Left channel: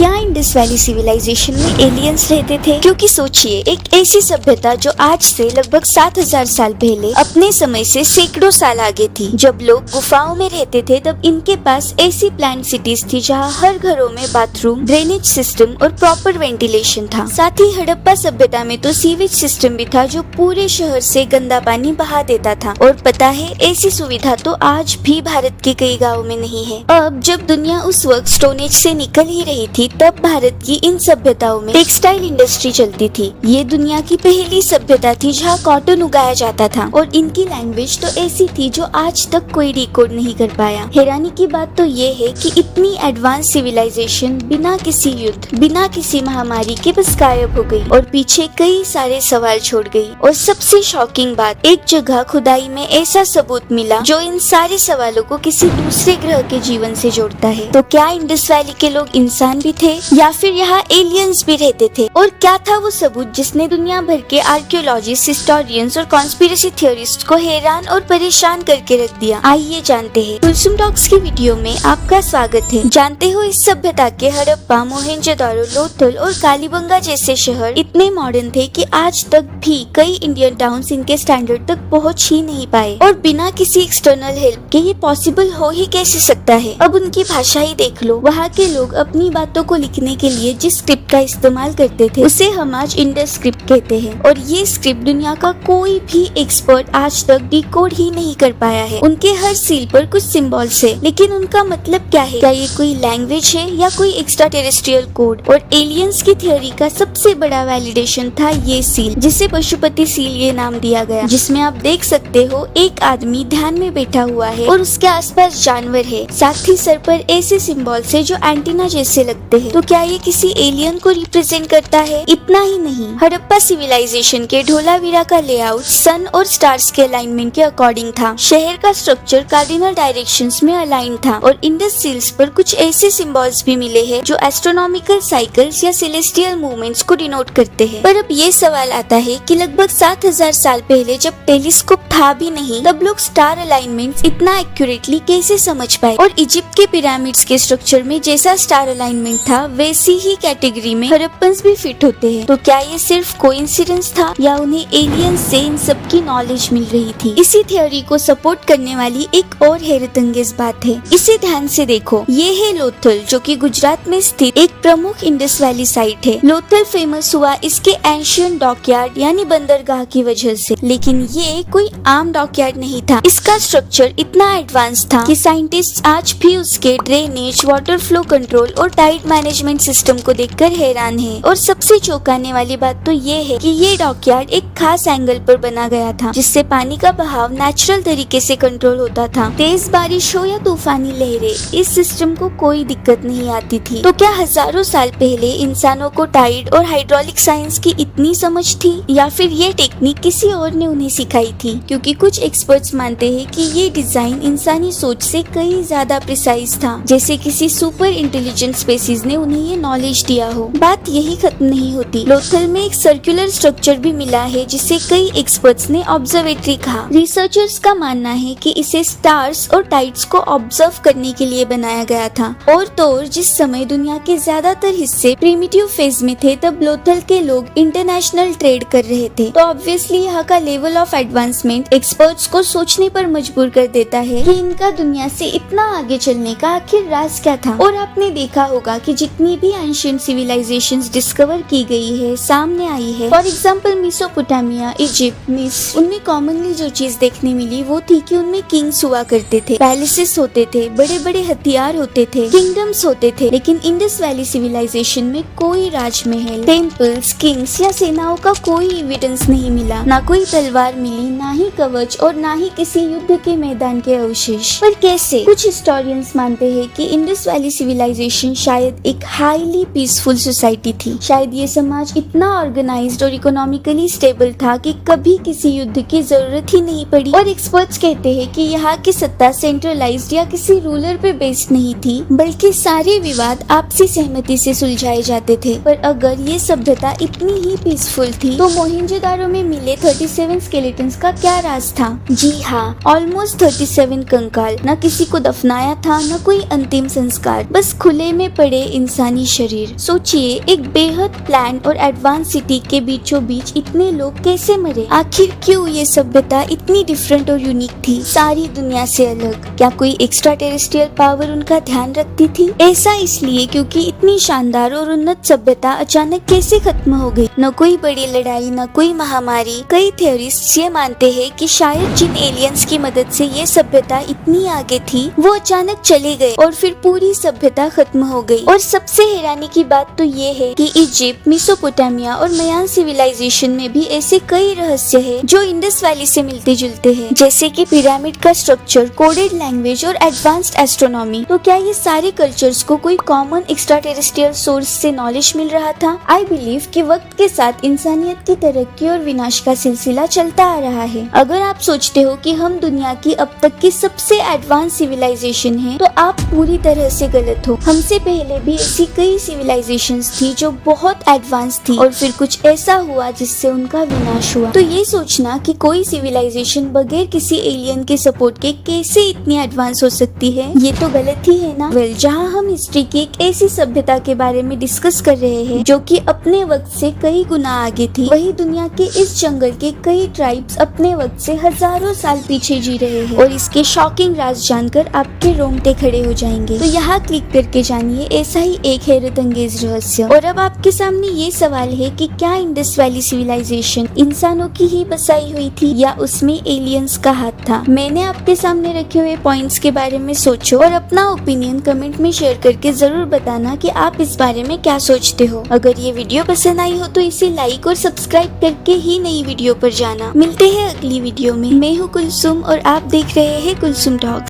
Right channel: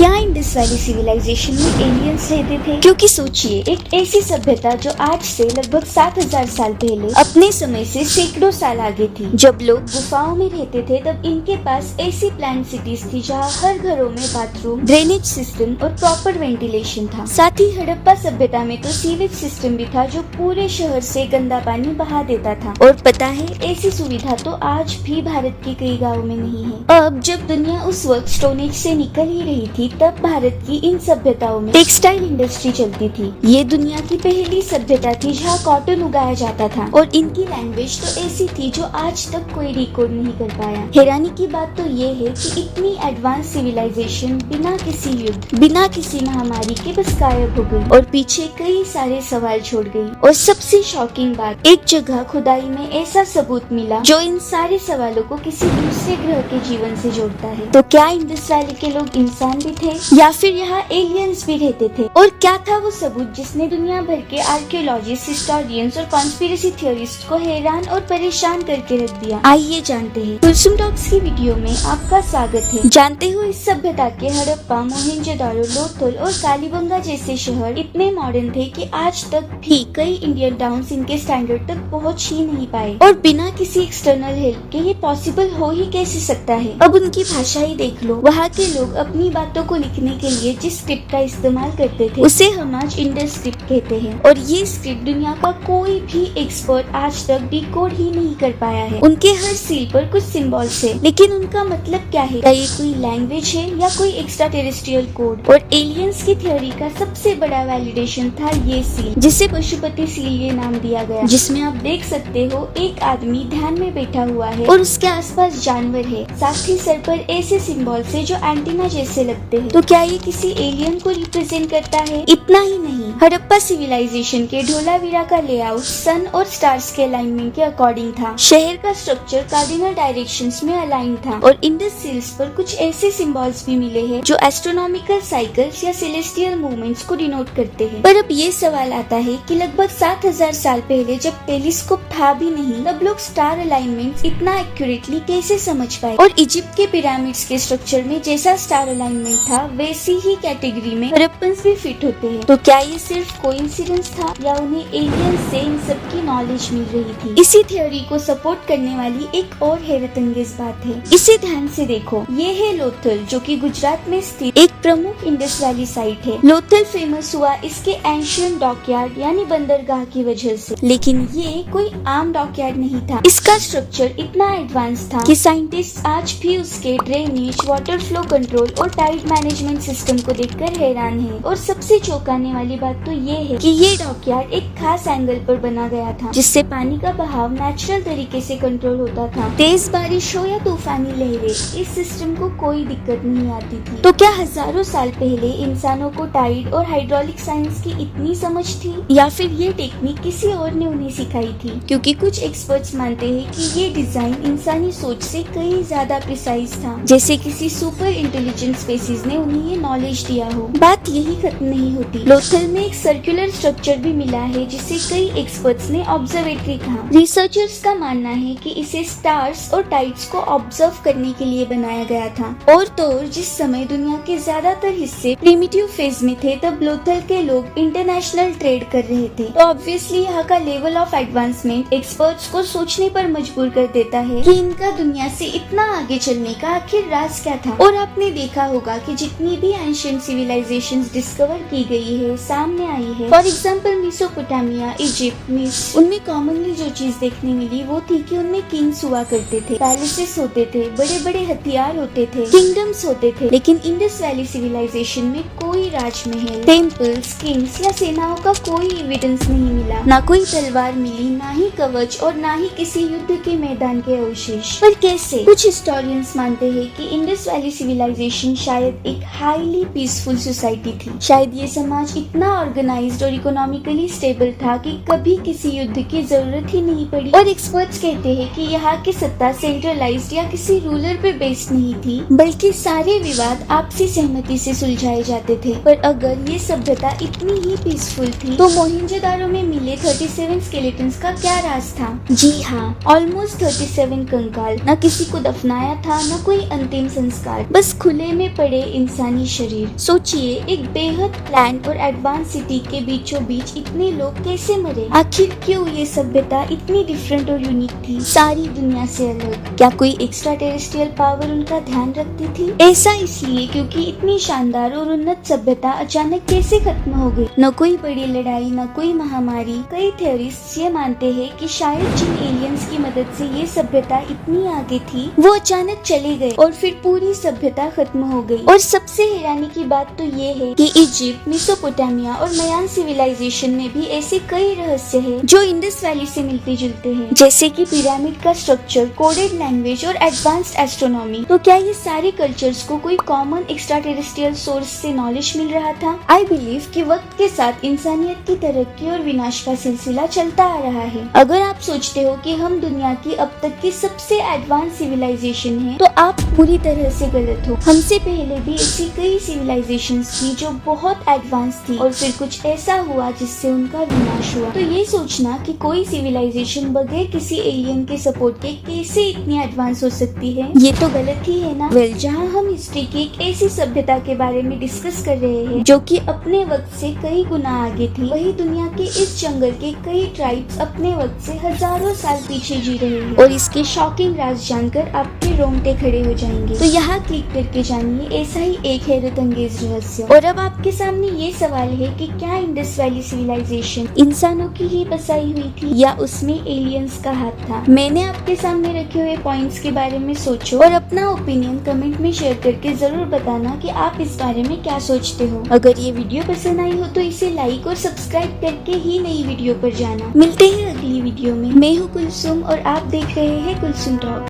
क्या Indus valley civilisation में aliens रहते थे? क्योंकि सोचिए, एक ऐसी सभ्यता जो आज से लगभग 7000 साल पहले अपने समय से सैकड़ों साल आगे थी। जब लोग गुफाओं में रहते थे तब इनके पास ऐसी प्लांट सिटीज थी जहाँ हर घरों में बाथरूम, ड्रेनेज सिस्टम और प्रॉपर वेंटिलेशन था। साथ ही हड़प्पा सभ्यता में तो सीवेज सिस्टम भी था जो पूरे शहर से गंदा पानी बहा देता था। और पता है, ऐसी सुविधा तो आज भी भारत के कई गाँव में नहीं है। अब जब दुनिया उस वक्त स्टोन एज से निकल ही रही थी, तब भारत की इन सभ्यताओं में टेक्सटाइल इंडस्ट्री चलती थी। ये दुनिया की पहली सभ्यता थी जहाँ कॉटन उगाया जाता था और इनकी लैंग्वेज तो ऐसी थी जो आज तक कोई डिकोड नहीं कर पाया। हैरानी की बात तो ये है कि इतनी एडवांस सिविलाइजेशन बिना किसी युद्ध, बिना किसी महामारी के बस गायब हो गई और पीछे कई सारे सवाल छोड़ गई। और सबसे शॉकिंग बात, एक जगह खुदाई में ऐसा सबूत मिला जो इन सारे सवालों को किसी दूसरे ग्रह के जीवन से जोड़ता है। तो क्या इंडस वैली के लोग इंसान भी थे या फिर यहाँ एलियंस भी रहते थे? और क्या था वो सबूत जिसने दुनिया भर के आर्कियोलॉजिस्ट, हिस्टोरियंस और कॉन्स्पिरेसी थियोरिस्ट को हैरान और परेशान करके रख दिया? आइए जानते हैं। कुलसुम टॉक्स की वीडियो में आपका स्वागत है। जानते हो, इस सभ्यता के हड़प्पा, मोहेंजोदारो, लोथल और कालीबंगा जैसे शहर इतने मॉडर्न थे कि आज तक भी कई इंडियन टाउन्स इनके स्टैंडर्ड तक पहुँच ही नहीं पाए। और बिना किसी एक्सटर्नल हेल्प के ये पॉसिबल हो ही कैसे सकता है? अब उनकी भाषा ही देख लो। वहाँ के लोग अपनी बातों को लिखने के लिए जिस स्क्रिप्ट का इस्तेमाल करते थे उसे हम आज इंडस स्क्रिप्ट कहते हैं। और ये स्क्रिप्ट दुनिया का कोई भी एक्सपर्ट आज तक डिकोड ही नहीं कर पाया है। उनके हर सील पर कुछ सिंबल्स है, लेकिन उनका मतलब क्या है? क्या ये कोई लैंग्वेज है या कोई एक्स्ट्रा टेरेस्ट्रियल कोड? और एलियंस की थ्योरी का सबसे बड़ा वैलिडेशन था ये सील, जिसे पशुपति सील ये नाम दिया गया, जिसमें आप देख सकते हो एक आदमी ध्यान में बैठा हुआ है और उसके आसपास जानवर है। साथ ही सर पर ऐसे सिंबल्स है जो एंटीना जैसे लगते हैं। तो क्या ये किसी एलियन को रिप्रेजेंट करता है? इतना ही नहीं, हड़प्पा सिविलाइजेशन के ढोलावीरा का लेआउट सन और स्टार्स के अलाइनमेंट के अकॉर्डिंग था। शहर का स्ट्रक्चर कार्डिनल डायरेक्शंस में अलाइन था और इंडस सील्स पर कुछ ऐसे सिंबल्स भी मिले हैं जो एस्ट्रोनॉमिकल साइकिल्स या सेलेस्टियल मूवमेंट्स को डिनोट करते हैं। पर अब ये सवाल आता है कि लगभग 7000 साल पहले जब टेलीस्कोप था भी नहीं, तब लोग स्टार अलाइनमेंट्स इतना एक्यूरेटली कैसे समझ पाए? और इजिप्ट के पिरामिड्स के स्ट्रक्चर में जैसा स्टार अलाइनमेंट था वैसी ही कैटेगरी में हड़प्पन्स भी फिट होते हैं। तो क्या ये सिर्फ कोइंसिडेंस था या उन्हें एलियंस से इन सब की नॉलेज मिल रही थी? इसी थ्योरी को सपोर्ट करने वाली एक और हैरतअंगेज बात है। इसे ध्यान से देखो, ये है लोथल, जो कि गुजरात में स्थित एक प्रमुख इंडस वैली साइट है। लोथल फेमस हुआ इसके एंशियंट डॉकयार्ड यानी बंदरगाह की वजह से, लेकिन ये कोई आम डॉकयार्ड नहीं था। इसका स्ट्रक्चर इतना एडवांस था कि साइंटिस्ट आज भी उसके ड्रेनेज, वाटर फ्लो कंट्रोल और टाइड मैनेजमेंट सिस्टम को देखकर हैरान है। और सबसे चौंकाने वाली बात तो ये है कि ये डॉकयार्ड एक खास एंगल पर बना गया था, जिससे पानी का बहाव नेचुरल तरीके से कंट्रोल होता था। तेज बारिश हो या तूफानी लहरें, इस सिस्टम को कोई दिक्कत नहीं आती थी। तो क्या हजारों साल पहले इंसानों को टाइड और हाइड्रोलिक साइंस की इतनी समझ थी, या फिर ये टेक्निक किसी और ने उन्हें सिखाई थी? क्योंकि कुछ एक्सपर्ट्स मानते हैं कि ये डिजाइन इंसानी सोच से कई ज्यादा प्रिसाइज था, जैसे किसी सुपर इंटेलिजेंट स्पेसीज ने उन्हें ये नॉलेज दिया हो। बात यही खत्म नहीं होती। लोथल में एक सर्कुलर स्ट्रक्चर भी मिला है जिसे कई एक्सपर्ट्स ने ऑब्जर्वेटरी कहा। रिसर्चर्स का मानना है कि इसे स्टार्स और टाइड्स को ऑब्जर्व करने के लिए बनाया गया था। और तो और जिस समय दुनिया के ज्यादातर हिस्से प्रिमिटिव फेज में थे, तब लोथल के लोग इंटरनेशनल ट्रेड कर रहे थे। तो ऑब्वियसली यहाँ का लेवल ऑफ एडवांसमेंट एक्सपर्ट्स को सोचने पर मजबूर कर देता है कि इनका दुनिया से इतना आगे चलने का आखिर राज क्या था। और आपने देखा होगा कि जितनी भी एंशिएंट सिविलाइजेशंस डिस्कवर की गई है, सामने आई है, फॉर एग्जांपल मेसोपोटामिया, इजिप्ट, मिस्र, उनमें कॉमनली जो चीज देखने मिली वो थी कि उनमें किंग्स हुआ करते थे, पैलेसेस होते थे, बड़े बड़े हथियार होते थे, किंगडम्स होते थे। लेकिन इंडस वैली सिविलाइजेशन में कोई राजमहल, टेम्पल्स, किंग्स या सेनाओं का कोई एविडेंस नहीं मिला। ना कोई तलवार मिली, ना ही कवच और ना ही किसी युद्ध के मैदान के अवशेष। पर कैसे? कुछ हिस्टोरियंस मानते हैं कि इंडस वैली सिविलाइजेशन शायद एक हाईली पीसफुल सोसाइटी थी। शायद ये समाज इतना ऑर्गेनाइज्ड और इकोनॉमिकली स्टेबल था कि कभी किसी युद्ध की जरूरत ही नहीं पड़ी। और एक्सपर्ट्स कहते हैं कि यहाँ की सत्ता सेंट्रलाइज्ड या किसी रूलर पे बेस्ड नहीं थी, बल्कि सारे विवाद आपसी सहमति से सुलझाए जाते थे। पर अगर ये सभ्यता इतनी ही पीसफुल थी, तो मोहेंजोदारो में मिले 37 स्केलेटन्स का क्या राज था? जी हाँ, ऑलमोस्ट 37 कंकाल। न किसी को दफनाया था, न कोई अंतिम संस्कार, बस खुले में पड़े इंसान इंसानी शरीर। सोचिए, एक बेहद प्लान्ड और एडवांस सिटी के बीचों बीच इतने लोग कैसे मरे? आखिर क्यों ये सभ्यता इतनी डिफरेंट और यूनिक थी, सारी दुनिया से अलग? क्या कोई एक्स्ट्रा टेरेस्ट्रियल पावर उनका ध्यान रखती थी? ऐसा इसलिए क्योंकि इतनी शानदार और उन्नत सभ्यता अचानक कैसे खत्म हो गई? न कोई बड़ी लड़ाई, न कोई महामारी। कई थ्योरिस्ट्स ये मानते हैं कि शायद जिन एलियंस की मदद से ये सभ्यता इतनी आगे थी, वो अचानक चले गए और फिर पूरी सभ्यता खत्म हो गई। और सबसे हैरानी की बात तो ये है कि इजिप्ट, मेसोपोटामिया और मयान सिविलाइजेशन में भी ऐसे कई रहस्य हैं जो इंडस वैली से मिलते जुलते हैं, जैसे कि पिरामिड का स्ट्रक्चर, कोडेड लैंग्वेज और एडवांस्ड एस्ट्रोनॉमी। तो क्या ये सारे कल्चर्स को कोई कॉमन एक्स्ट्रा टेरेस्ट्रियल सोर्स से नॉलेज मिल रहा था? आई बिलीव कि वक्त के साथ इंसानियत की तरक्की और विनाश का सिलसिला चलता आ रहा है। अगर आप सोचते हो कि हम दुनिया की अब तक की सबसे एडवांस सिविलाइजेशन है, तो आप पूरी तरह से गलत हो। हमसे पहले भी ऐसी कई सिविलाइजेशंस थी जो बहुत एडवांस थी और फिर कुछ ऐसा हुआ जिससे उनका विनाश हुआ। तो ये सोचना कि कोई सिविलाइजेशन बगैर किसी एलियन के सपोर्ट के कैसे इतनी एडवांस हो सकती है, ये तो गलत ही है ना। वेल, जहाँ हम हिस्ट्री की एक ऐसी सभ्यता के बारे में डिस्कस कर रहे हैं जो कि अपने वक्त से कई गुना आगे थी, वही दुनिया के इस जंगल के कई ट्राइब्स अपने वक्त से हजारों साल पीछे जी रहे हैं। और इसके शॉकिंग राज जानकर आपके रोंगटे खड़े हो जाएंगे। तो यहाँ क्लिक करके जानिए ऐसा ही एक हैरत अंगेज रहस्य। और अब आपके सामने ये सवाल है कि क्या इंडस वैली सिविलाइजेशन इंसानों की ही बसाई हुई थी या उसमें एलियंस का हाथ था? मैंने आपके सामने रखे हुए पॉइंट्स के बारे में सोचो और अपना ओपिनियन कमेंट में शेयर करके जरूर बताना कि आप इस बारे में क्या सोचते हो। अगर ये वीडियो पसंद आई हो तो इसे लाइक और सब्सक्राइब करके ही नई वीडियो पर जाना। मिलते हैं अगली वीडियो में। मैं हूँ कुलसुम और आप देख रहे हैं कुलसुम टॉक।